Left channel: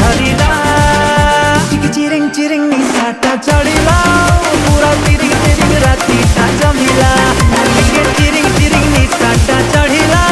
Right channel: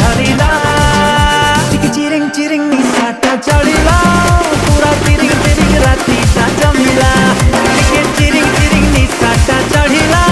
धरिला चिकी चिरिंग चिरिंग निशाटा चढ़िला पूरा तिरिंग तिरिंग रातीटा जमिला चिकी चिरिंग चिरिंग निशाटा चढ़िला